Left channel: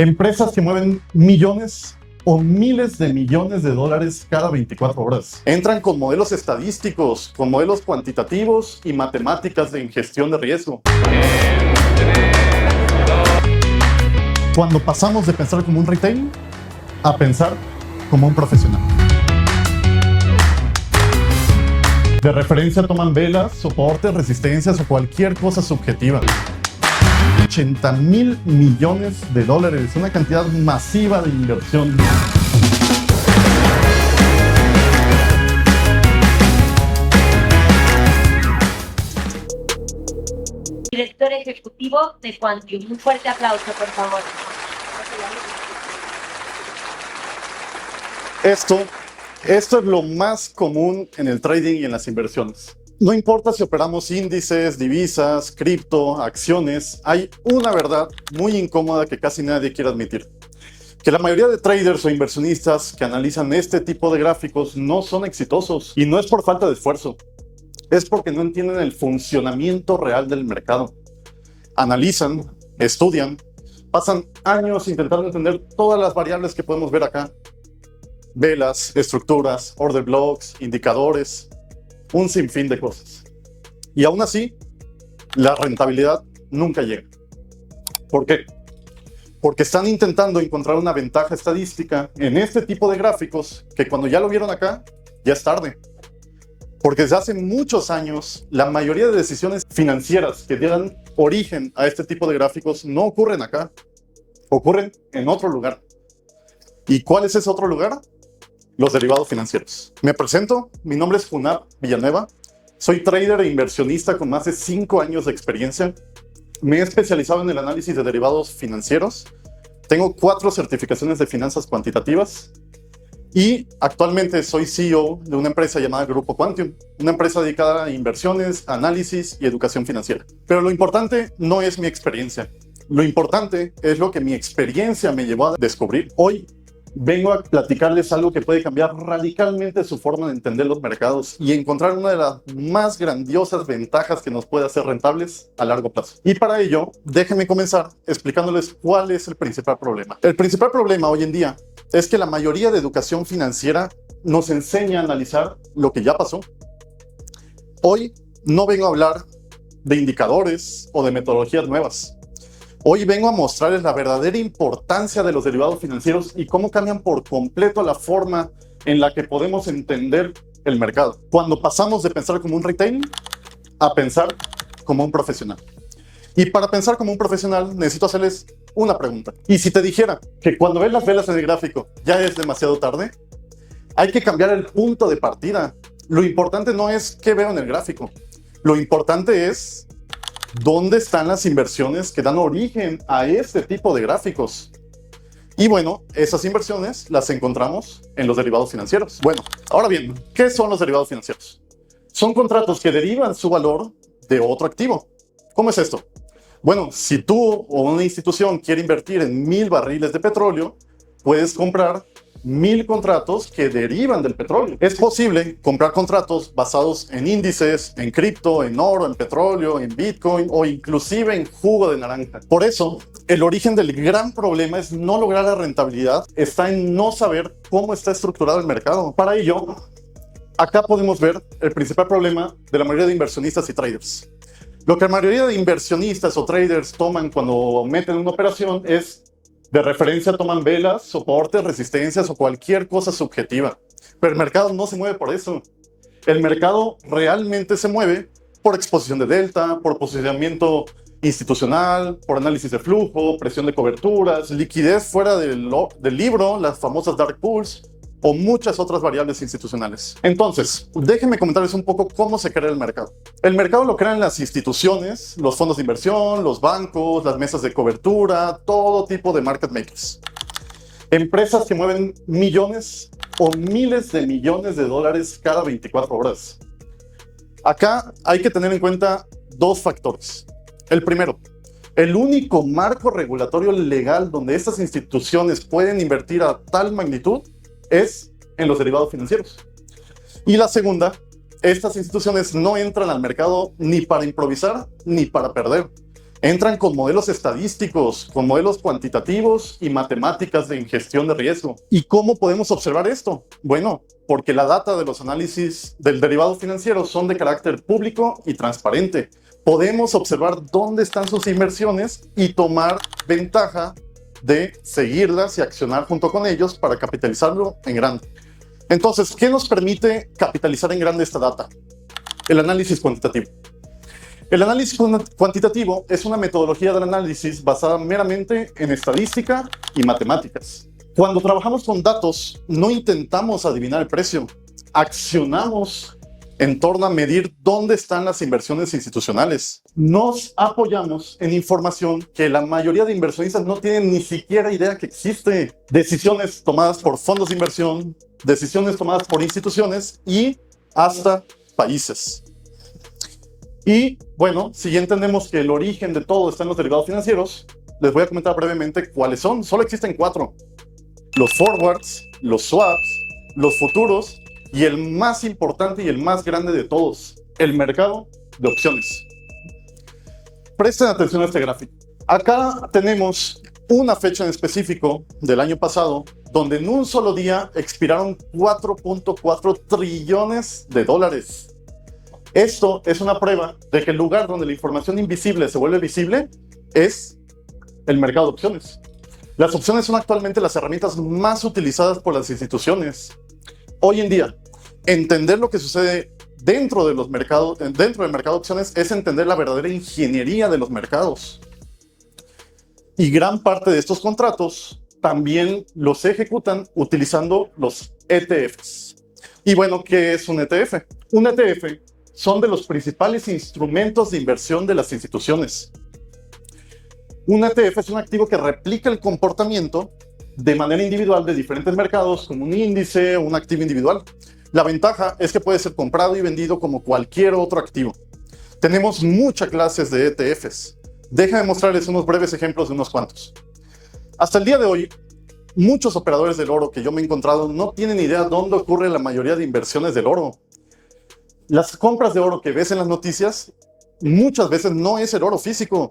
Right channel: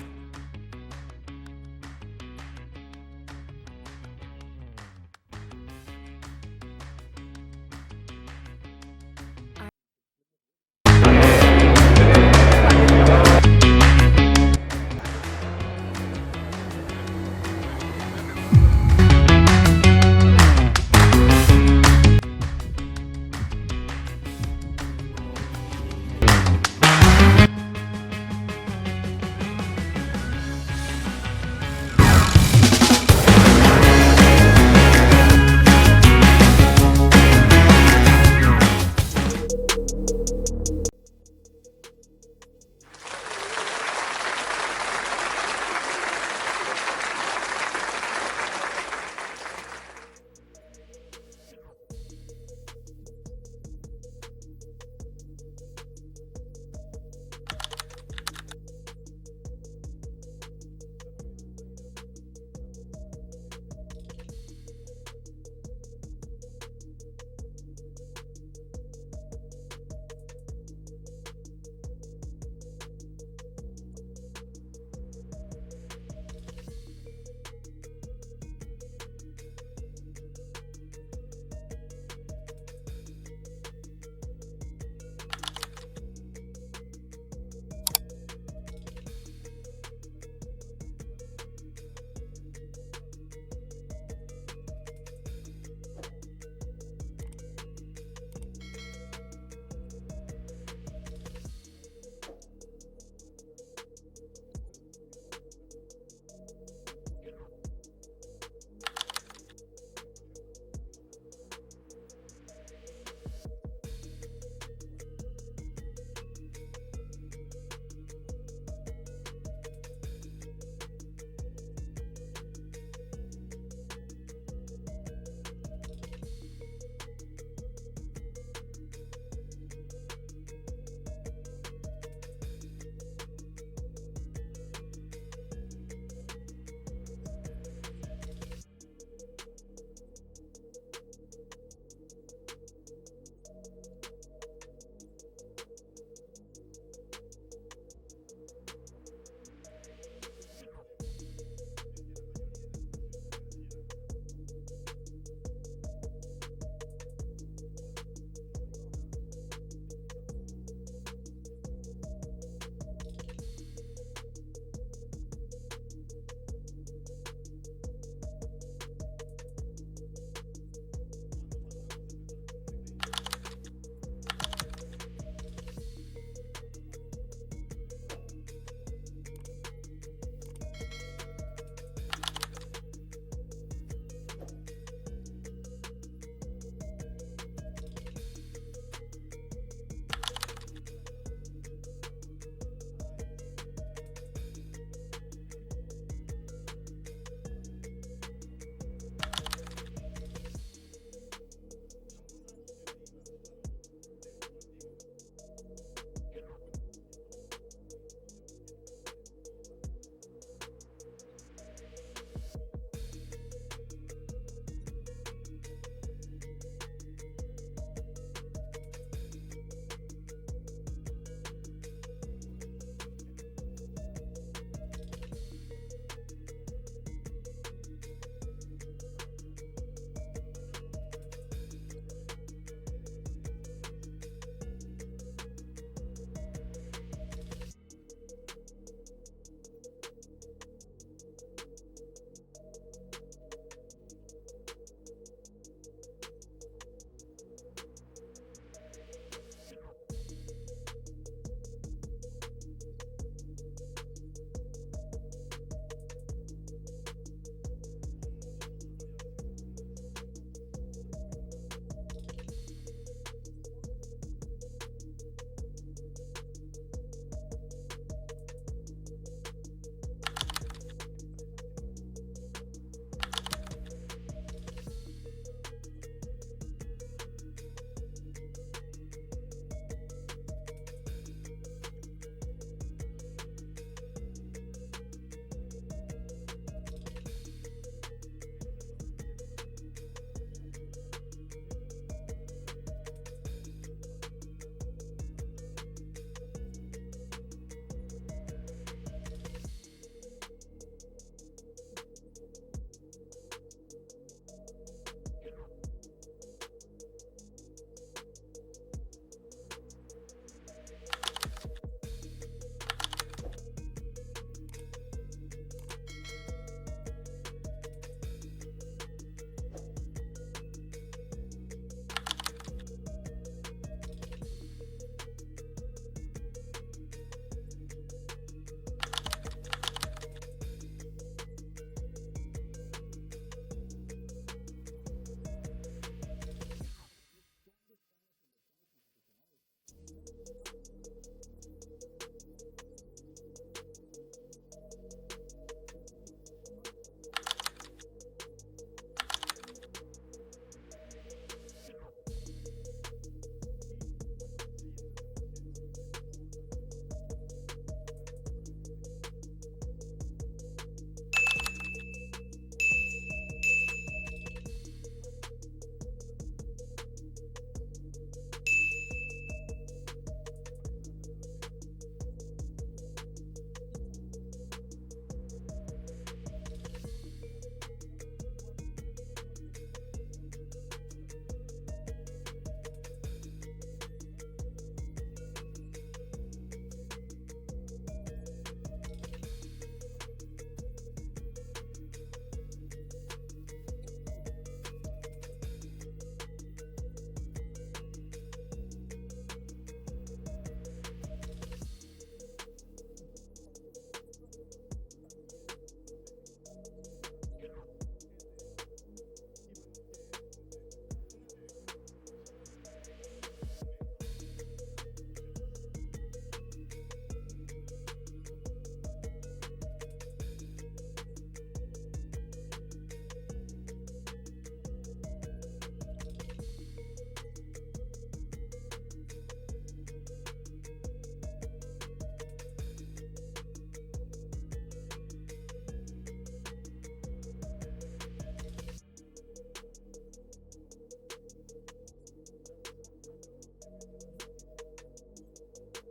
Empresas que mueven millones o miles de millones de dólares cada 24 horas. Entran con modelos estadísticos, con modelos cuantitativos y matemáticas en gestión de riesgo. Cuando pasamos de pensar como un retail a pensar como un profesional. De referencia toman velas, soportes, resistencias o cualquier cosa subjetiva. 80,000 millones de dólares, una cantidad masiva de inversión. Director ejecutivo de Quantium. Un fuerte aplauso, por favor. Esto es lo más común en el trading y en las inversiones. No importa si operamos índices, divisas, cripto, acciones, hay una verdad muy incómoda que casi nadie quiere admitir. Que la mayoría de traders o inversionistas que analizan este tipo de gráficos no son exitosos. Y no es por falta de esfuerzo, es porque no entienden el funcionamiento real del mercado. Analizan, estudian, pasan años intentando entender todas las variables que podemos ver acá. Velas, estructuras, order blocks, indicadores, un sinfín de cosas. Y aún así, la rentabilidad nunca llega. ¿Por qué? Porque están intentando encontrar una ventaja estadística en este tipo de gráficos que cuando ya lo vieron acá, ya es tarde. Porque desde hace muchos años, la mayoría de decisiones financieras que dieran origen a este tipo de gráficos no ocurren acá, ocurren en otro lugar. ¿Y cuál es ese otro lugar? Los derivados financieros. Me presento, mi nombre es Funab Villanueva, soy trader e inversionista con más de 5 años de experiencia. Me he especializado en el análisis de derivados financieros, tengo 4 certificaciones de finanzas cuantitativas y actualmente soy CEO de una empresa llamada Grupo Quantium, una empresa dedicada a inversiones, análisis y educación financiera. Pero lo importante no es mi experiencia, lo importante es lo que mi experiencia me llevó a descubrir. Hoy vengo a platicarles algo que puede cambiar radicalmente su forma de entender los mercados y encontrar una de las más grandiosas ventajas que nos puede hacer rentables a largo plazo. Y para ello, déjenme comenzar explicándoles cuál es el principal problema. El principal problema hoy en día es que la mayoría de educación financiera nos enseña a analizar lo que ya pasó. Hoy no vengo a hablar de indicadores o de metodologías nuevas. Hoy vengo a mostrarles la verdadera importancia de los derivados financieros y cómo cambian por completo la forma en la que podemos entender el mercado. Cuando pasamos de pensar como un retail a pensar como un profesional. Y para pensar como un profesional necesito hacerles una pregunta. Y si te dijera que cuando ves las velas en el gráfico ya es demasiado tarde, hay que cambiar el punto de partida. Lo importante no es qué veo en el gráfico. Lo importante es ¿dónde están las inversiones que dan origen a este tipo de gráficos? Y bueno, esas inversiones las encontramos en los derivados financieros. Bueno, ahora bien, ¿qué son los derivados financieros? Son contratos que derivan su valor de otro activo. ¿Cómo es esto? Bueno, si tú o una institución quiere invertir en 1000 barriles de petróleo, puedes comprar 1000 contratos que derivan del petróleo. Es posible comprar contratos basados en índices, en cripto, en oro, en petróleo, en Bitcoin o inclusive en jugo de naranja. Por eso, el origen del gran problema es no lograr la rentabilidad, está en no saber cómo está estructurado el mercado. Para ello, acá podemos ver el principal problema de la mayoría de inversionistas y traders. Lo que la mayoría de inversionistas o traders toman cuando meten una operación es de referencia toman velas, soportes, resistencias o cualquier cosa subjetiva. Pero el mercado no se mueve por eso. El mercado realmente se mueve por exposición de delta, por posicionamiento institucional, por análisis de flujo, presión de coberturas, liquidez fuera del libro, las famosas dark pools o muchas otras variables institucionales. Entonces, déjenme comentarles un poco cómo se crea el mercado. El mercado lo crean las instituciones, los fondos de inversión, los bancos, las mesas de cobertura, todo tipo de market makers. Empresas que mueven millones o miles de millones de dólares cada 24 horas. Acá hay que tener en cuenta 2 factores. El primero, el único marco regulatorio legal donde estas instituciones pueden invertir a tal magnitud es en los derivados financieros. Y la segunda, estas instituciones no entran al mercado ni para improvisar ni para perder, Entran con modelos estadísticos, con modelos cuantitativos y matemáticas de gestión de riesgo. ¿Y cómo podemos observar esto? Bueno, porque la data de los análisis del derivado financiero son de carácter público y transparente. Podemos observar dónde están sus inversiones y tomar ventaja de seguirlas y accionar junto con ellos para capitalizarlo en grande. Entonces, ¿qué nos permite capitalizar en grande esta data? El análisis cuantitativo. El análisis cuantitativo es una metodología del análisis basada meramente en estadística y matemáticas. Cuando trabajamos con datos, no intentamos adivinar el precio, accionamos en torno a medir dónde están las inversiones institucionales. Nos apoyamos en información que la mayoría de inversionistas no tienen ni siquiera idea que existe. Decisiones tomadas por fondos de inversión, decisiones tomadas por instituciones y hasta países. Y bueno, si ya entendemos que el origen de todo está en los derivados financieros, les voy a comentar brevemente cuáles son. Solo existen 4. Los forwards, los swaps, los futuros y el más importante y el más grande de todos, el mercado de opciones. Presten atención a este gráfico. Acá tenemos una fecha en específico del año pasado, donde en un solo día expiraron 4.4 trillones de dólares. Esto es una prueba de que el lugar donde la información invisible se vuelve visible es el mercado de opciones. Las opciones son actualmente las herramientas más utilizadas por las instituciones. Hoy en día, entender lo que sucede dentro del mercado de opciones es entender la verdadera ingeniería de los mercados. Y gran parte de estos contratos también los ejecutan utilizando los ETFs. Y bueno, ¿qué es un ETF? Un ETF son de los principales instrumentos de inversión de las instituciones. Un ETF es un activo que replica el comportamiento de manera individual de diferentes mercados, como un índice o un activo individual. La ventaja es que puede ser comprado y vendido como cualquier otro activo. Tenemos muchas clases de ETFs. Déjenme mostrarles unos breves ejemplos de unos cuantos. Hasta el día de hoy, muchos operadores del oro que yo me he encontrado no tienen idea dónde ocurre la mayoría de inversiones del oro. Las compras de oro que ves en las noticias muchas veces no es el oro físico,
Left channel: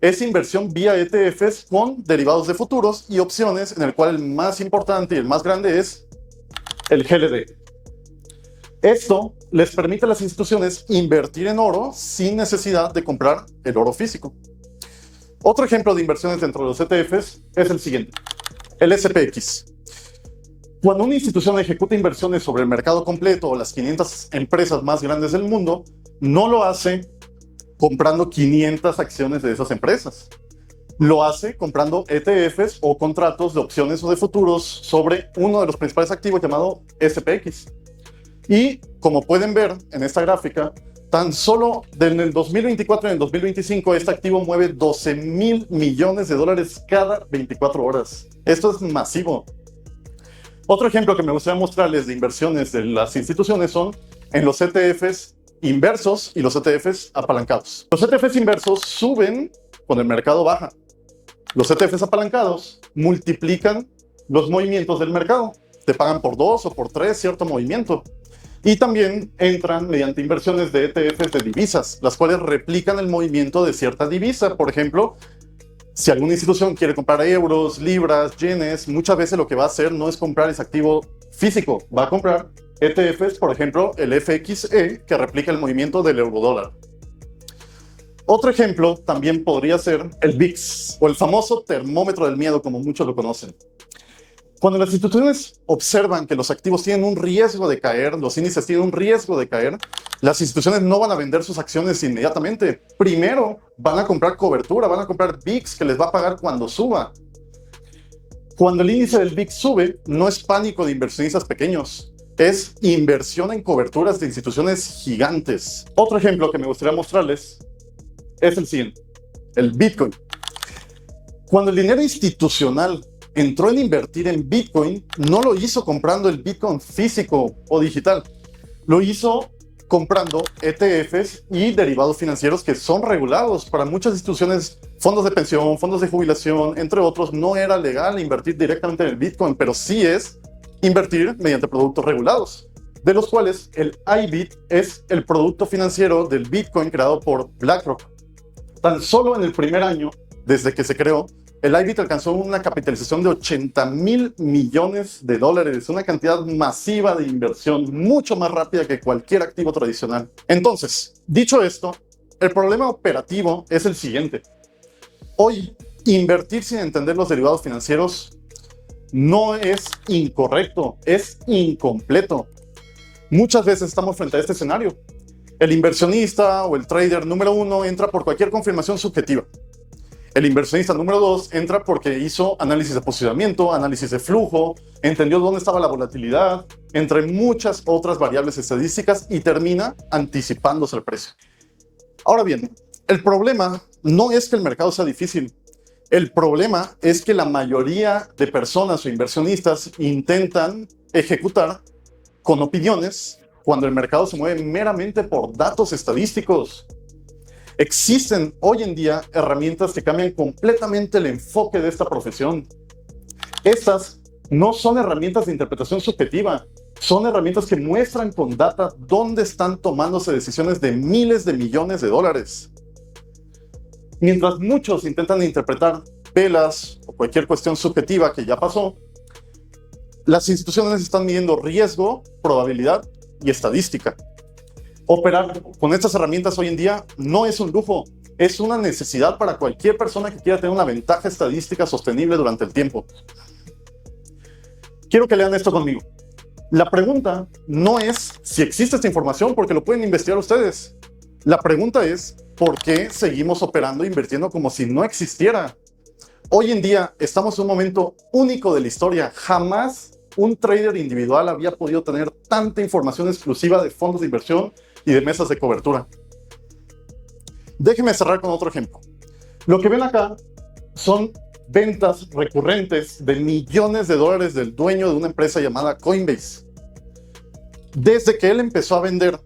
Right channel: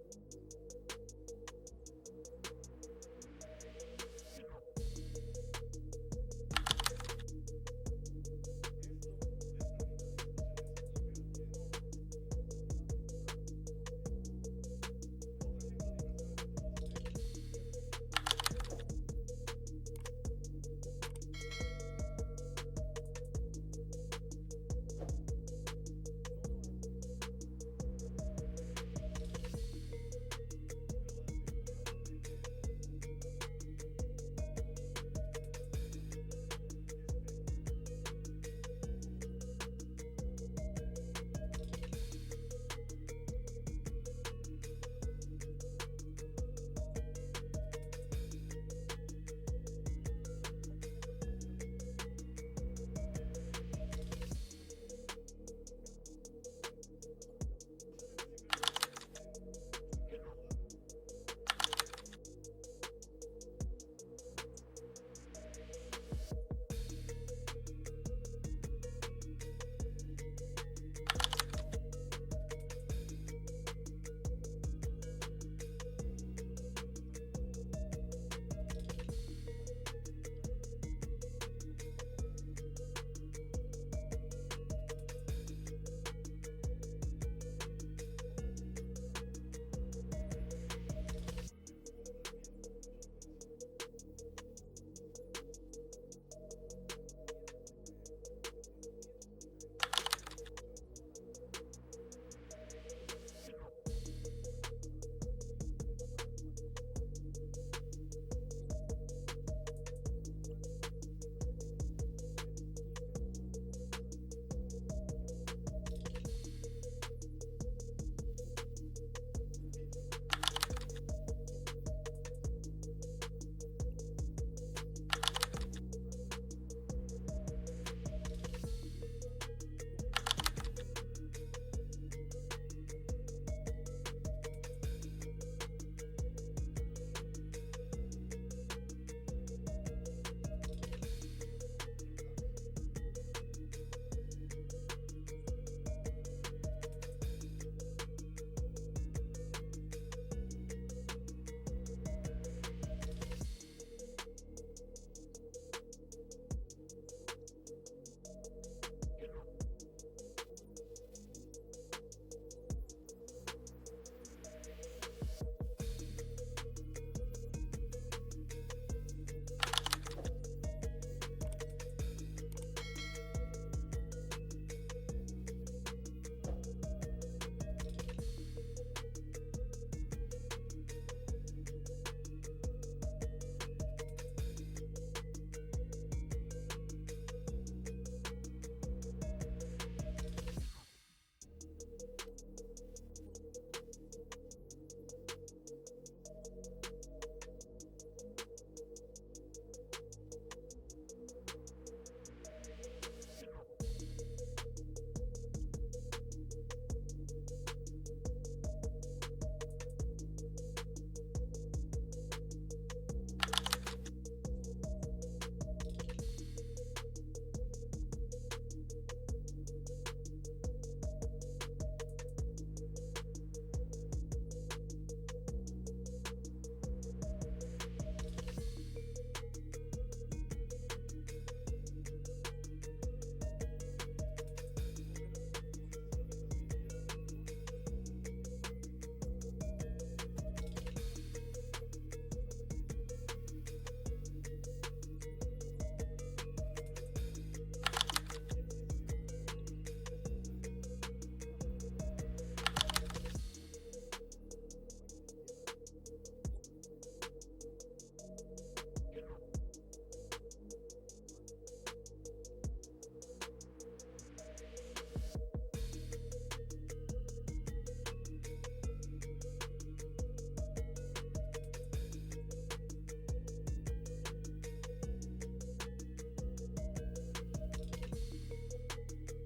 es inversión vía ETFs con derivados de futuros y opciones, en el cual el más importante y el más grande es el GLD. Esto les permite a las instituciones invertir en oro sin necesidad de comprar el oro físico. Otro ejemplo de inversiones dentro de los ETFs es el siguiente, el SPX. Cuando una institución ejecuta inversiones sobre el mercado completo o las 500 empresas más grandes del mundo, no lo hace comprando 500 acciones de esas empresas. Lo hace comprando ETFs o contratos de opciones o de futuros sobre uno de los principales activos llamado SPX. Y como pueden ver en esta gráfica, tan solo en el 2024 y en el 2025 este activo mueve 12,000 millones de dólares cada 24 horas. Esto es masivo. Otro ejemplo que me gustaría mostrarles de inversiones de las instituciones son en los ETFs inversos y los ETFs apalancados. Los ETFs inversos suben cuando el mercado baja. Los ETFs apalancados multiplican los movimientos del mercado. Te pagan por 2 o por 3 cierto movimiento. Y también entran mediante inversiones de ETFs de divisas, las cuales replican el movimiento de cierta divisa. Por ejemplo, si alguna institución quiere comprar euros, libras, yenes, muchas veces lo que va a hacer no es comprar ese activo físico, va a comprar ETFs, por ejemplo, el FXE, que replica el movimiento del eurodólar. Otro ejemplo también podría ser el VIX, o el famoso termómetro del miedo, como muchos lo conocen. Cuando las instituciones observan que los activos tienen un riesgo de caer, los índices tienen un riesgo de caer, las instituciones no van a vender sus acciones inmediatamente. Primero van a comprar cobertura, van a comprar VIX que les va a pagar cuando suba. Cuando el índice del VIX sube, no es pánico de inversionistas pequeños, es inversión en coberturas de instituciones gigantes. Otro ejemplo que me gustaría mostrarles es el siguiente, el Bitcoin. Cuando el dinero institucional entró en invertir en Bitcoin, no lo hizo comprando el Bitcoin físico o digital, lo hizo comprando ETFs y derivados financieros que son regulados. Para muchas instituciones, fondos de pensión, fondos de jubilación, entre otros, no era legal invertir directamente en el Bitcoin, pero sí es invertir mediante productos regulados, de los cuales el IBIT es el producto financiero del Bitcoin creado por BlackRock. Tan solo en el primer año, desde que se creó, el IBIT alcanzó una capitalización de $80,000 millones, una cantidad masiva de inversión, mucho más rápida que cualquier activo tradicional. Entonces, dicho esto, el problema operativo es el siguiente. Hoy, invertir sin entender los derivados financieros no es incorrecto, es incompleto. Muchas veces estamos frente a este escenario. El inversionista o el trader número 1 entra por cualquier confirmación subjetiva. El inversionista número 2 entra porque hizo análisis de posicionamiento, análisis de flujo, entendió dónde estaba la volatilidad, entre muchas otras variables estadísticas, y termina anticipándose el precio. Ahora bien, el problema no es que el mercado sea difícil. El problema es que la mayoría de personas o inversionistas intentan ejecutar con opiniones cuando el mercado se mueve meramente por datos estadísticos. Existen hoy en día herramientas que cambian completamente el enfoque de esta profesión. Estas no son herramientas de interpretación subjetiva, son herramientas que muestran con data dónde están tomándose decisiones de miles de millones de dólares. Mientras muchos intentan interpretar velas o cualquier cuestión subjetiva que ya pasó, las instituciones están midiendo riesgo, probabilidad y estadística. Operar con estas herramientas hoy en día no es un lujo, es una necesidad para cualquier persona que quiera tener una ventaja estadística sostenible durante el tiempo. Quiero que lean esto conmigo. La pregunta no es si existe esta información, porque lo pueden investigar ustedes. La pregunta es, ¿por qué seguimos operando e invirtiendo como si no existiera? Hoy en día estamos en un momento único de la historia. Jamás un trader individual había podido tener tanta información exclusiva de fondos de inversión y de mesas de cobertura. Déjenme cerrar con otro ejemplo. Lo que ven acá son ventas recurrentes de millones de dólares del dueño de una empresa llamada Coinbase. Desde que él empezó a vender,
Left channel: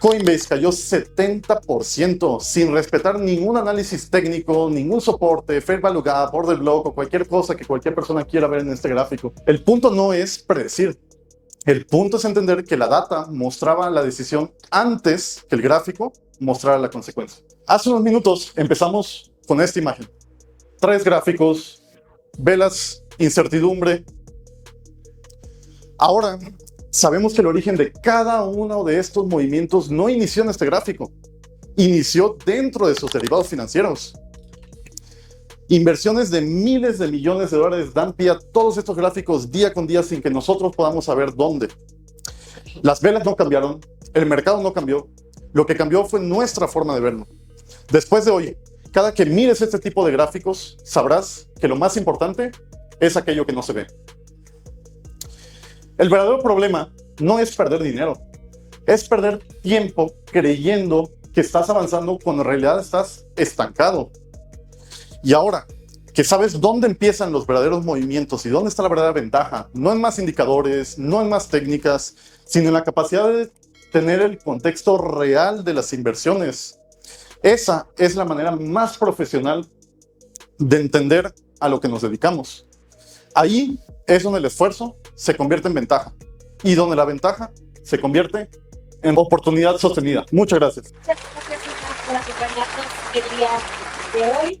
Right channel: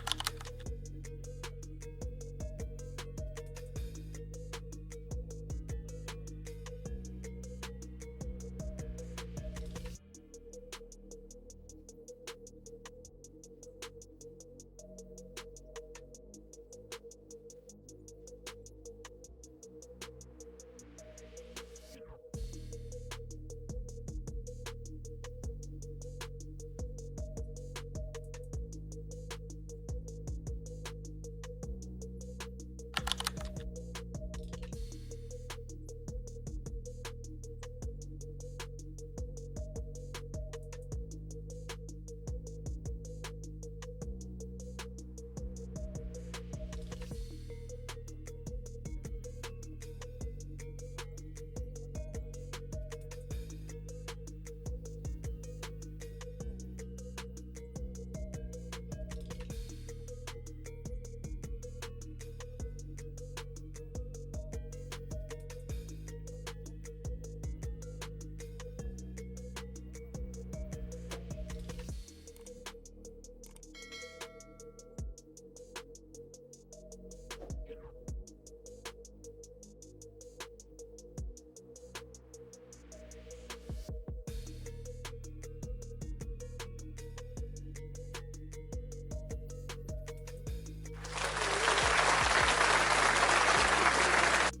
Coinbase cayó 70% sin respetar ningún análisis técnico, ningún soporte, Fair Value Gap, Order Block o cualquier cosa que cualquier persona quiera ver en este gráfico. El punto no es predecir. El punto es entender que la data mostraba la decisión antes que el gráfico mostrara la consecuencia. Hace unos minutos empezamos con esta imagen. 3 gráficos, velas, incertidumbre. Ahora sabemos que el origen de cada uno de estos movimientos no inició en este gráfico, inició dentro de sus derivados financieros. Inversiones de miles de millones de dólares dan pie a todos estos gráficos día con día sin que nosotros podamos saber dónde. Las velas no cambiaron, el mercado no cambió, lo que cambió fue nuestra forma de verlo. Después de hoy, cada que mires este tipo de gráficos, sabrás que lo más importante es aquello que no se ve. El verdadero problema no es perder dinero, es perder tiempo creyendo que estás avanzando cuando en realidad estás estancado. Y ahora que sabes dónde empiezan los verdaderos movimientos y dónde está la verdadera ventaja, no en más indicadores, no en más técnicas, sino en la capacidad de tener el contexto real de las inversiones. Esa es la manera más profesional de entender a lo que nos dedicamos. Ahí es donde el esfuerzo se convierte en ventaja y donde la ventaja se convierte en oportunidad sostenida. Muchas gracias. Muchas gracias por acompañarnos el día de hoy.